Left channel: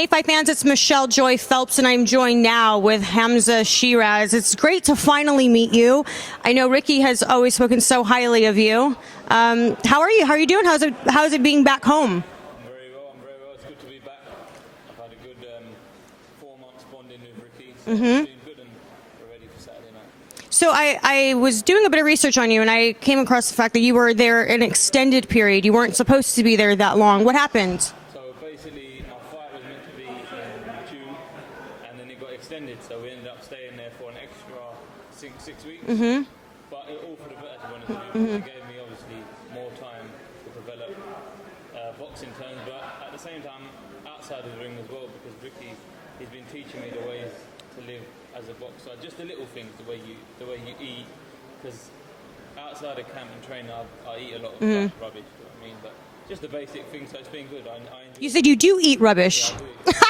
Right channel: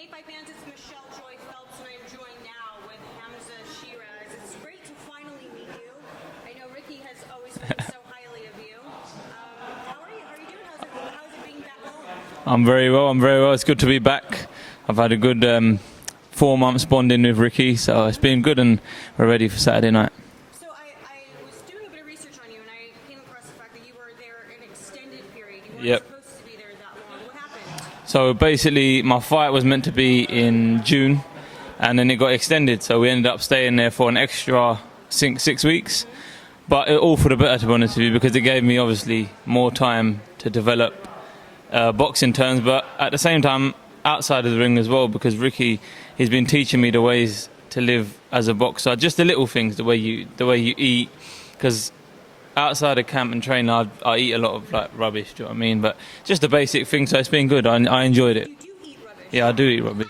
Hey, Fight fans, it's Michelle Joy Phelps, and I'm joined now with Hamzah Sheeraz. It's great to finally meet you. I know Ricky has always spoken so highly of you. How are you? How are you doing? How's it being back home? I'm very well. It's good to be back. I've had a good 4 months bonding with Ricky, so it's been good, and we're ready for Saturday night. So I was doing a bit of research on you, and I came across the fact that you were there an extended period. You weren't supposed to be there that long. What happened? So basically, my fight was meant to be in June, and then it got extended. So we ended up staying there for an extra 6 weeks. But all for the better, to be honest with you, because it gave me obviously more time to develop boxing terms, but at the same time outside of the ring as well, because Ricky, he's been teaching me the ways to live as a boxer, just the little things, the way you eat, because outside of camp and training, I eat a lot of like rubbish. Do you know what I mean? But just the basic things. So it's been good. I enjoyed it. You said you do eat rubbish. Yeah, I do eat rubbish.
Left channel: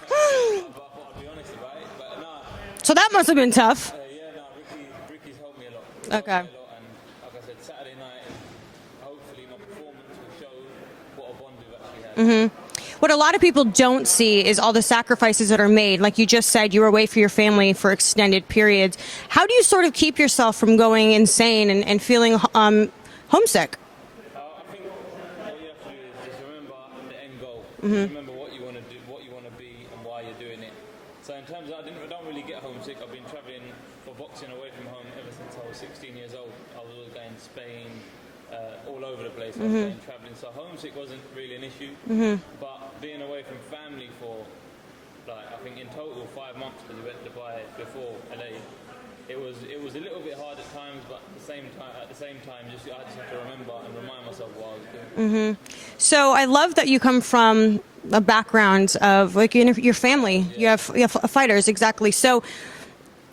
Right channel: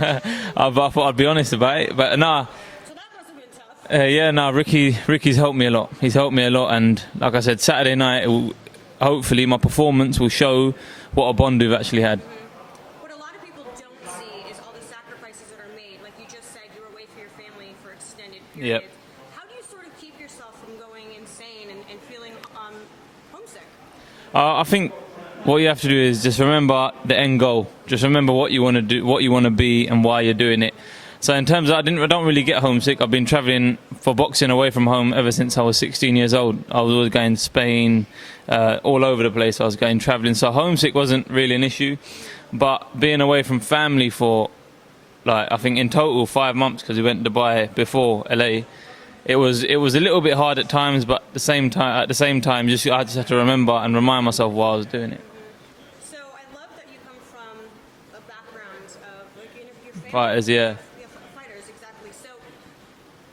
Yeah. I thought I'd be honest about it, but nah. So that must have been tough. Yeah, no, Ricky's helped me a lot. He's helped me a lot, and like I said, Saturday night, hopefully my performance will show what a bond we've actually had. What a lot of people don't see is all the sacrifices that are made. Like you just said, you were away from your family for extended periods. How do you sort of keep yourself from going insane and feeling homesick? I think what you have to do is just remember the end goal. Just remember what you want to do, what you want to be, and why you're doing it. So in terms of, I don't really get homesick. I've been traveling for boxing away from home ever since I was 16 years old. I was always going to Spain, all over the place. I was going traveling. So homesick wasn't really an issue. But being away from family for, like, I think in total 5 months, because we went to Dubai before LA, it was a little bit hard at times, but at the same time, I just had to remember and remind myself why I was doing it. So I love that you come from a background of, like, your family. Fighters, yeah. You have fighters, exactly. So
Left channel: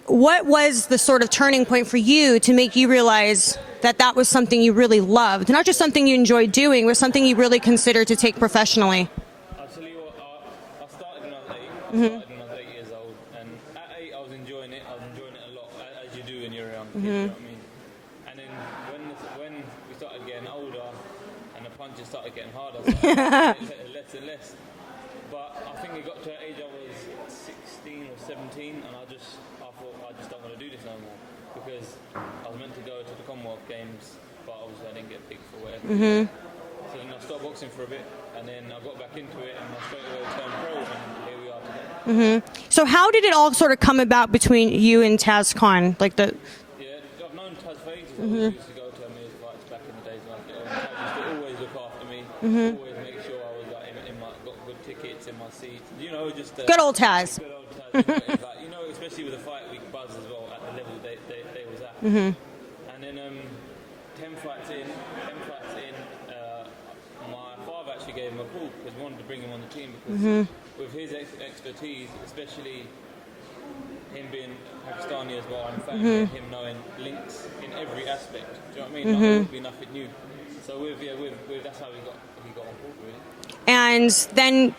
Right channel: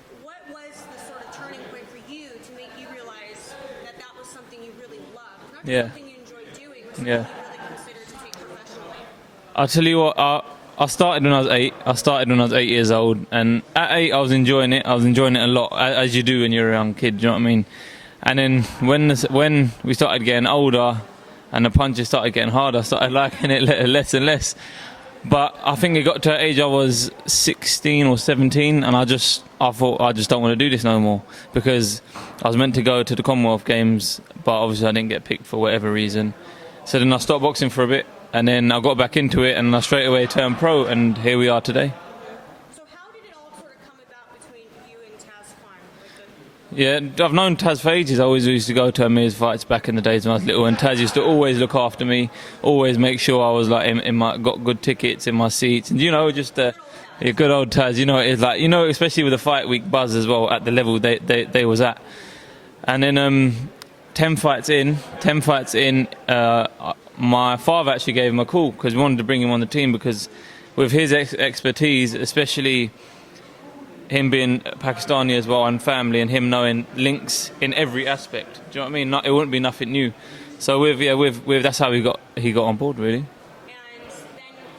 what was the sort of turning point for you to make you realize that that was something you really loved, not just something you enjoyed doing, but something you really considered to take professionally? I'll tell you what, I started when I was 8. I started when I was 8 years old, and at 8 I was enjoying it. I was enjoying it a lot, as you do when you're a young kid. Do you know what I mean? And then when we started getting older, and the punches started getting harder, I started liking it less and less. But I think it got to an age I was 16 or 17, and I thought I just don't want to do this no more, because I was meant to go to the Commonwealth Games, but obviously I didn't get picked for whatever reason. So then I stopped boxing for a bit, and then I got back into it, and I straight away turned pro, and here we are today. So how did it all sort of come about between you and Taz Khan? Yeah, I've known Taz for ages. I always used to go to Amir's fights back in the days when I was little, and Taz used to always look after me, always make sure I was like got good tickets in my seats, and just good old Taz. Yeah, good old Taz. It's like, especially with the fight week buzz as well at the level they was at. And then 10 fights in, my father actually gave him a call because we wanted to bring him on the team, because with his expertise, especially him being Pakistani as well and family, and him knowing links in every aspect. Do you know what I mean? It wouldn't be nothing new. So with that's how he got on board, really. And then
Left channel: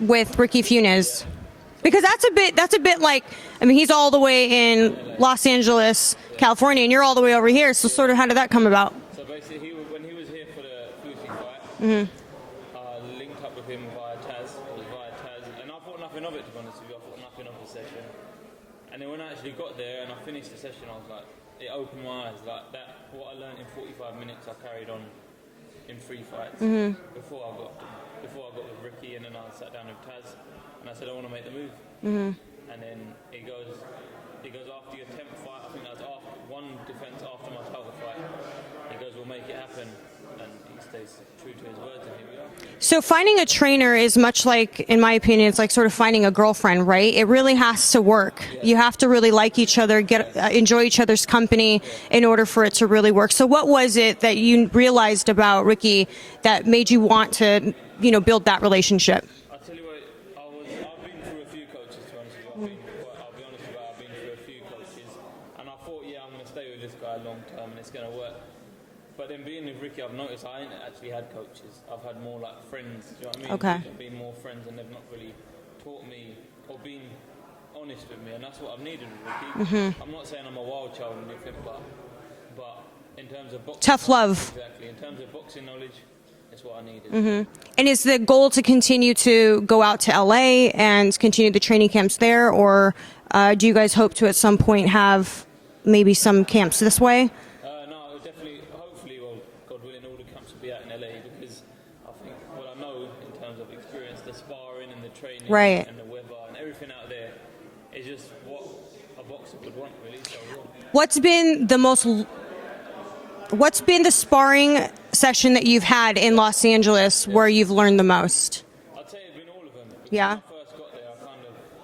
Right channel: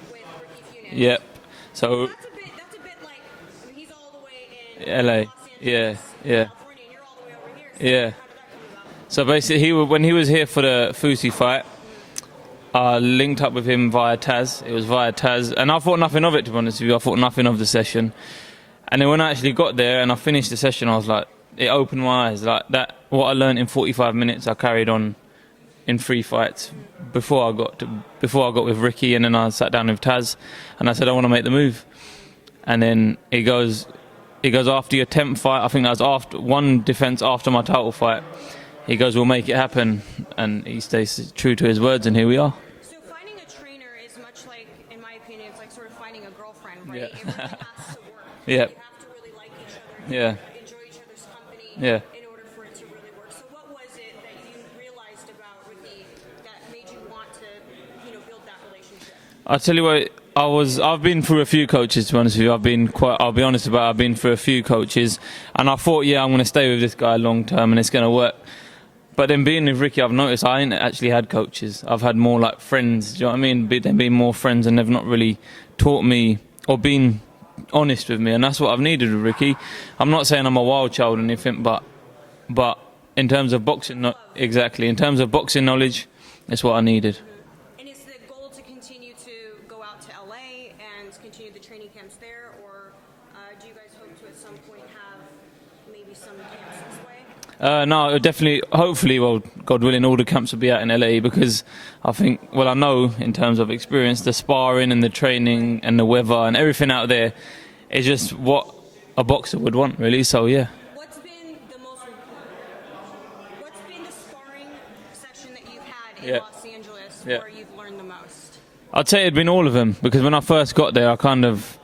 with Ricky Funez, so, because that's a bit like, I mean, he's all the way in LA. Los Angeles, California, and you're all the way over here. So sort of how did that come about? So basically, when he was here for the Fusi fight, I linked up with him via Taz. It was via Taz, and I thought nothing of it, to be honest with you. I thought nothing of the session. And then when I actually got there and I finished the session, I was like, it opened my eyes. Like that, what I learned in 45 minutes, I carried on in 3 fights before I got with Ricky, and then I sat down with Taz, and I said I want to make the move. And then he goes after your 10th fight. I think that was after one defense after my title fight. He goes, we'll make it happen, and he stays true to his words, and here we are. So finding a trainer is much like, in my opinion, it's like sort of finding a girlfriend, right? It really has to work. You have to really like each other, enjoy each other's company in order for it to really work. So what was it that you realized about Ricky that made you want to, build that relationship? I'll tell you what, I've been through a few coaches, to be honest with you. I'll be honest about it, I've been through a few coaches, and I thought, I'm going to stay with this guy long term, and it's going to work. But then being with Ricky, I've noticed I ain't actually had coaches. I've had more like friends. Do you know what I mean? They've been more friends, and they've not really taught me or been honest with me, and that's what I've needed with Ricky. I'm not saying I'm a wild child or anything, but in terms of boxing, tough love. Exactly. In terms of boxing knowledge, it's what I needed. And is the goal to continue to go out to LA and continue the training camps there, or do you guys hope to at some point have maybe some camps this way? No, definitely, hopefully, well, God willing, all the camps will be out in LA, because I think, well, I know in terms of experience, the sparring and the training and the weather and everything out there is just what a boxer would want, really. So, yeah. What's been the sparring session that you've had in Los Angeles where you've learned the most? I'd say it'd been all of them, because when I first got there, I kind of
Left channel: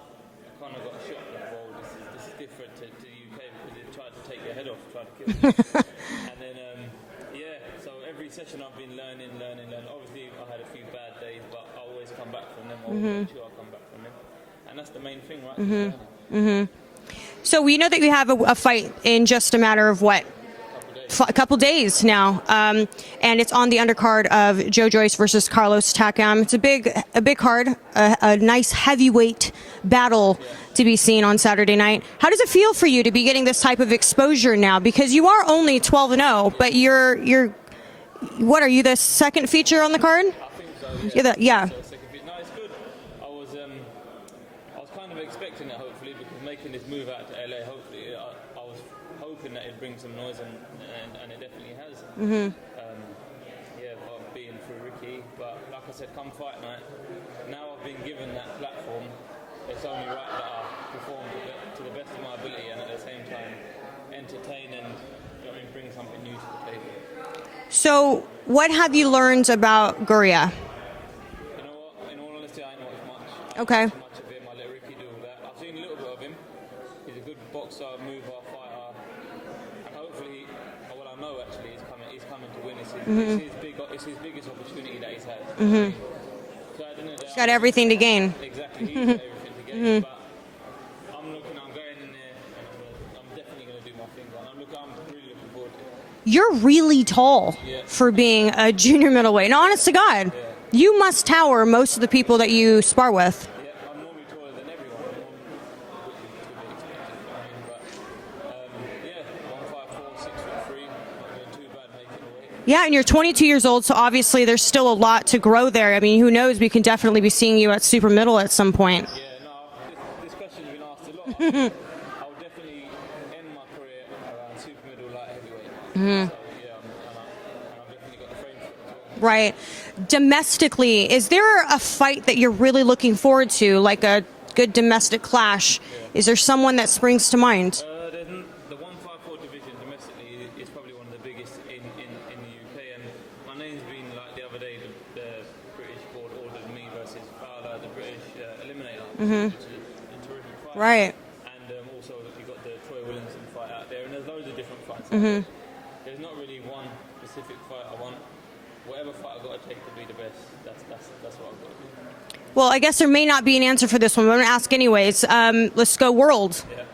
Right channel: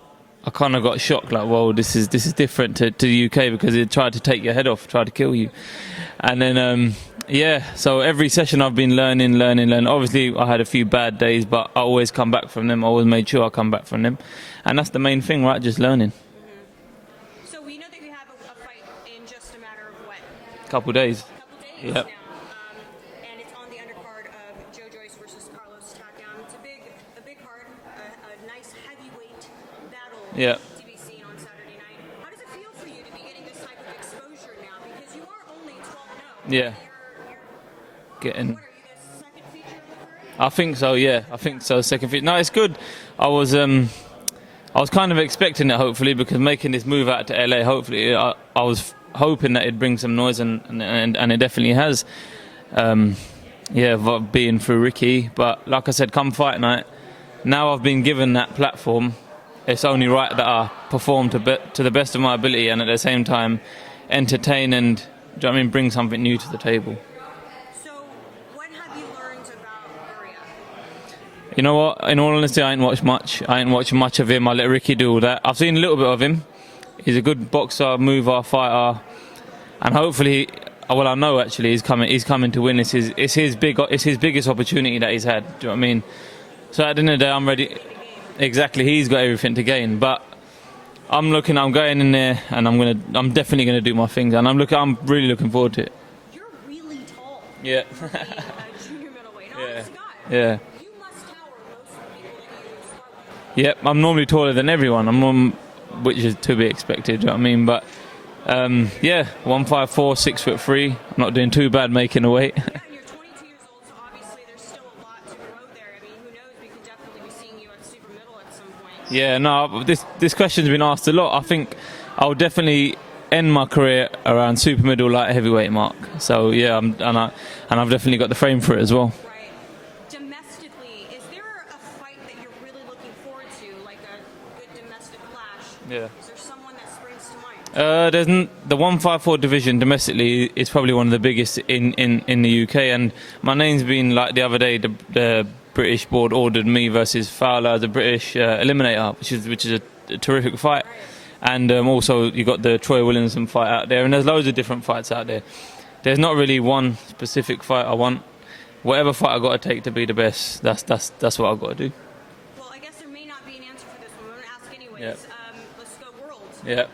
got shocked, like, whoa, this is different to the UK, because it tried to take your head off, tried to kill you. And then, so every session I've been learning. Obviously, I had a few bad days, but I always come back from them. I always made sure I come back from them. And that's the main thing, right? Just learning. So we know that you have a fight in just a matter of what? A couple days now, and it's on the undercard of Joyce versus Carlos Takam. It's a big card, a nice heavyweight battle to be seen on Saturday night. How does it feel for you to be getting this type of exposure now? Because you are only 12-0, but you're what are you, the second feature on the card? I think so. Yeah, so second feature. No, it's good. I was kind of expecting it, hopefully, because making this move out to LA, hopefully, I was hoping that it'd bring some noise, and it definitely has. Being through Ricky, but like I said, come fight night, now I've been given that platform. It's only right that I perform to the best of my ability, and at the same time entertain and, do you know what I mean, bring something new to the table. So what have you learned about Gurria? You know what, in all honesty, I ain't watched much. I ain't watched much of him. I let Ricky do all that. I've seen a little bit of him. He's a good boxer, mover, fighter, and hopefully, well, I know actually he's coming to win. It's his biggest opportunity that he's had. Do you know what I mean? So at the end of the day, I'm ready. Everything to gain. Exactly, he's got everything to gain. But I'm going in there, and I'm definitely gonna do my thing, and I'm really looking forward to it. You're really tall for being a junior middleweight. And honest to God, you must tower most of the people that you spar with. Yep, I'm normally taller than everyone. Which is to be expected, you know what I mean? But 154, 6'3". I'm not doing too bad making the weight. Yeah, and you're 22 years old, so obviously there's still a lot to grow there. I mean, who knows? We can definitely be seeing you at super middle at some point. Yeah, no, this question's been asked a lot. I think I'll definitely end my career around super middle light heavyweight mark. So yeah, and I've definitely got the frame for it as well. Right. Domestically, is there a fight that you're really looking forward to, like a good domestic clash? Is there someone that springs to mind? There's the 154 division domestically is probably one of the biggest in the UK, and my name's been, like the other day, the British board ordered me versus Fowler, the British eliminator, which is a terrific fight. Right. And also you got the Troy Williamson fight out there, and there's loads of different fights out there. There's not really one specific fight I want. Whatever fight I got to take to be the best, that's what I've got to do. Well, I guess there may not be an answer for this one, but I'm going to ask anyways. Let's go world. Yeah.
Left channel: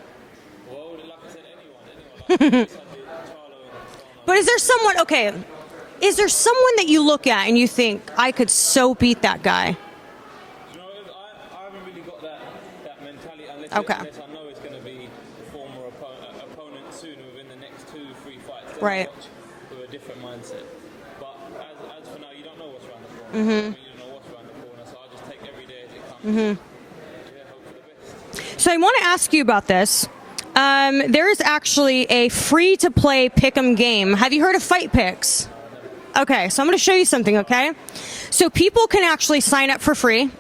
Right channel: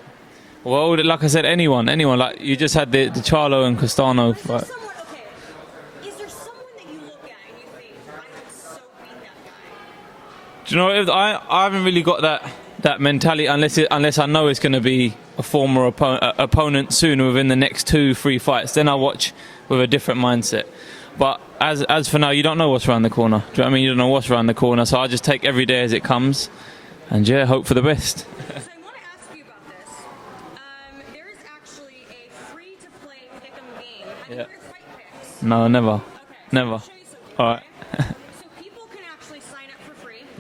Well, like I said, anyone. Like you just had the Charlo and Castano. But is there someone, is there someone that you look at and you think, I could so beat that guy? Do you know, I haven't really got that mentality unless I know it's going to be a former opponent sooner within the next 2-3 fights. Then I watch with a different mindset. But as for now, you don't know what's around the corner. Do you know what I mean? You don't know what's around the corner. So I just take every day as it comes, and hope for the best. So I want to ask you about this. There is actually a free-to-play pick'em game. Have you heard of Fight Picks? No, never. Okay, so I'm going to show you something. Okay, so people can actually sign up for free.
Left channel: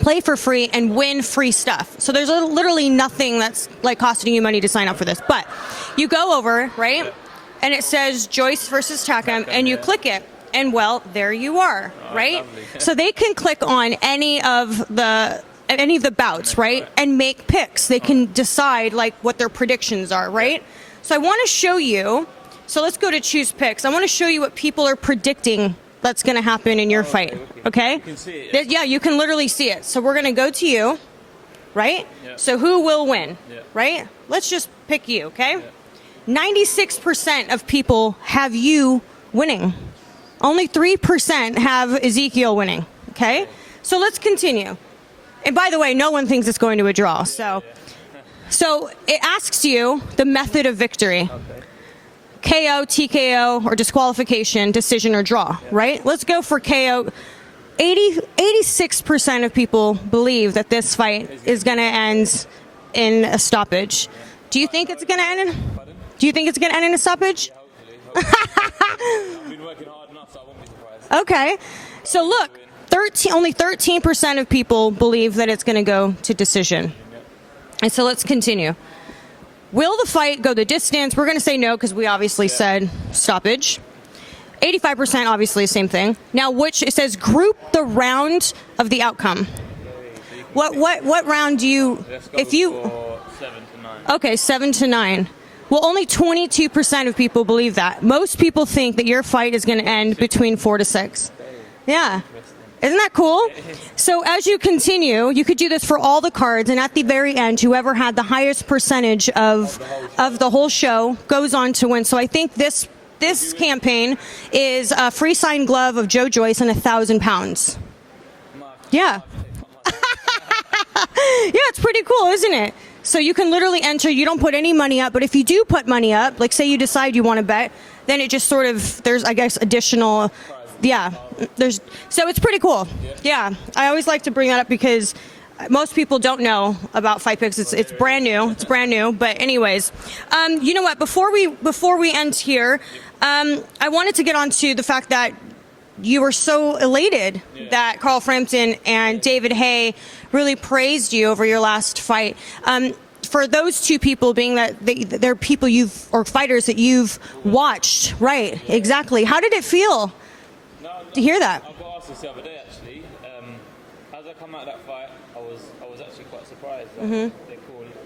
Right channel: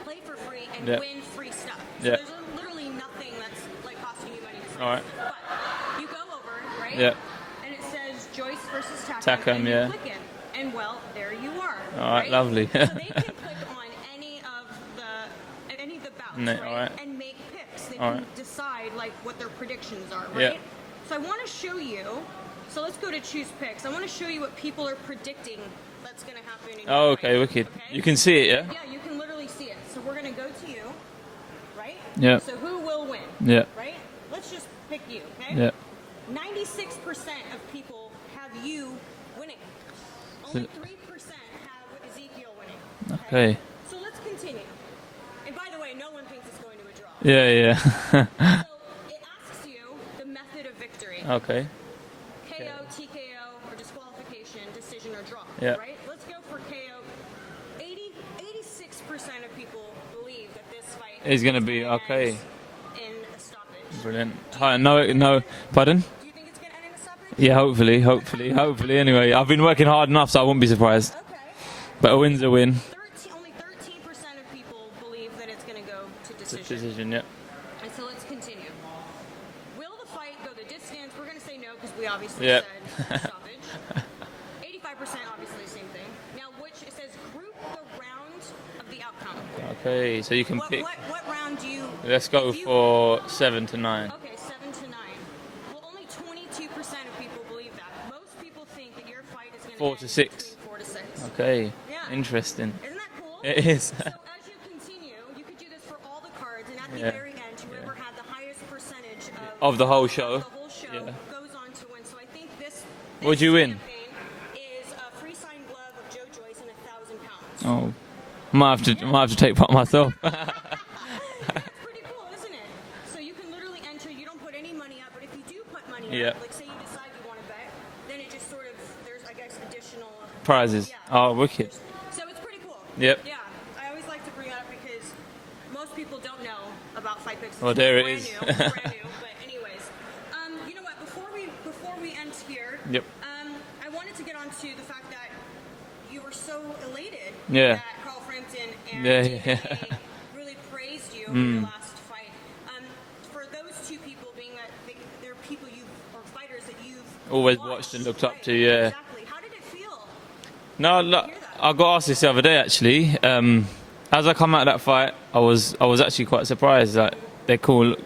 Play for free and win free stuff. So there's literally nothing that's like costing you money to sign up for this. But you go over, right? And it says Joyce versus Takam, and you click it, and well, there you are, right? Lovely. So they can click on any of the bouts, right? And make picks. They can decide like what their predictions are, right? So I want to show you. So let's go to choose picks. I want to show you what people are predicting that's going to happen in your fight. Wicked. Okay. You can see it. Yeah, you can literally see it. So we're going to go to you, right? Yeah. So who will win? Yeah. Right. Let's just pick you, okay? Yeah. 96% of people have you winning. Only 3% have Ezequiel winning. Okay? So let's continue. And by the way, no one thinks it's going to a draw. So it asks you the method of victory. Okay. KO, TKO, or disqualification, decision, or draw. Right? Let's go for KO. 86% of people believe that this fight is going to end in a stoppage. Brilliant. Do you think it's going to end? Pardon? Do you think it's going to end in a stoppage? Yeah, hopefully. Hopefully. Anyway, I've been working hard enough, so I won't be surprised. Okay. But so a win's look, a win. only 13% of people believe that it's going to go to decision. Yeah. And so let's continue. Will the fight go the distance? We're going to say no because we obviously said stoppage. 85% obviously same thing. Now, it says group the round of the outcome. Okay, so you can what round do you? Let's go for 7 to 9. Okay, 7 to 9. Well, only 22% of people believe that. Most people think that your fight is going to end between 4 to 6. Okay. Yeah. Interesting. Isn't that cool? It is. So as you continue, you could do this for all the cards, and at the very end, whoever had the highest percentage of the whole show goes on to win. So I think this campaign is a free signed glove of Joe Joyce and 1,000 pounds. Oh. Might have to take part myself. Yeah, it's pretty cool, isn't it? So you can literally enter. You don't put any money up, but if you do put money up, like say you decide you want to bet, then it just sort of, there's, I guess, additional prizes. Yeah. Oh, wicked. So it's pretty cool. Yep. Yeah. I always like to bring that up because most people don't know about Fight Picks. It's brand new. It's brand new. But anyways, you know what? Before we end here, I wanted to get onto the fact that you were so elated that Carl Frampton and David Haye really praised you over your last fight. For those two people, being that they're people fighters that you've watched, right? Exactly. How did it feel? To hear that. I got asked this the other day actually. As I come out of that fight, I was actually quite surprised that they're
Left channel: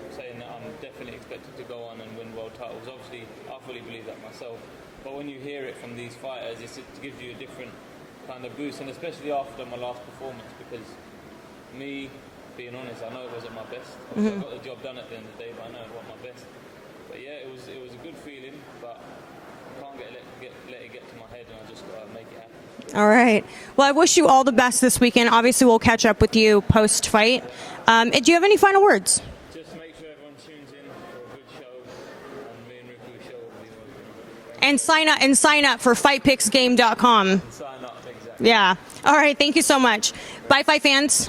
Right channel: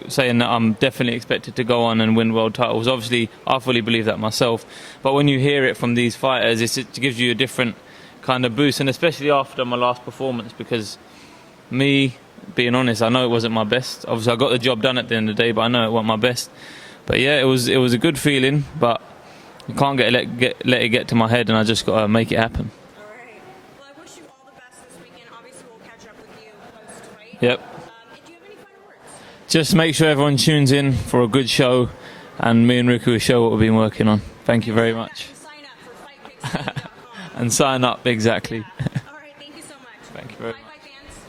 saying that I'm definitely expected to go on and win world titles. Obviously, I fully believe that myself. But when you hear it from these fighters, it gives you a different kind of boost, and especially after my last performance, because me, being honest, I know it wasn't my best. Obviously, I got the job done at the end of the day, but I know it wasn't my best. But yeah, it was a good feeling, but I can't let it get to my head, and I just got to make it happen. All right. Well, I wish you all the best this weekend. Obviously, we'll catch up with you post-fight. Yep. Do you have any final words? Just make sure everyone tunes in for a good show, and me and Ricky will show what we've been working on. Thank you very much. And sign up for fightpicksgame.com. And sign up, exactly. Yeah. All right. Thank you so much. Bye, Fight fans.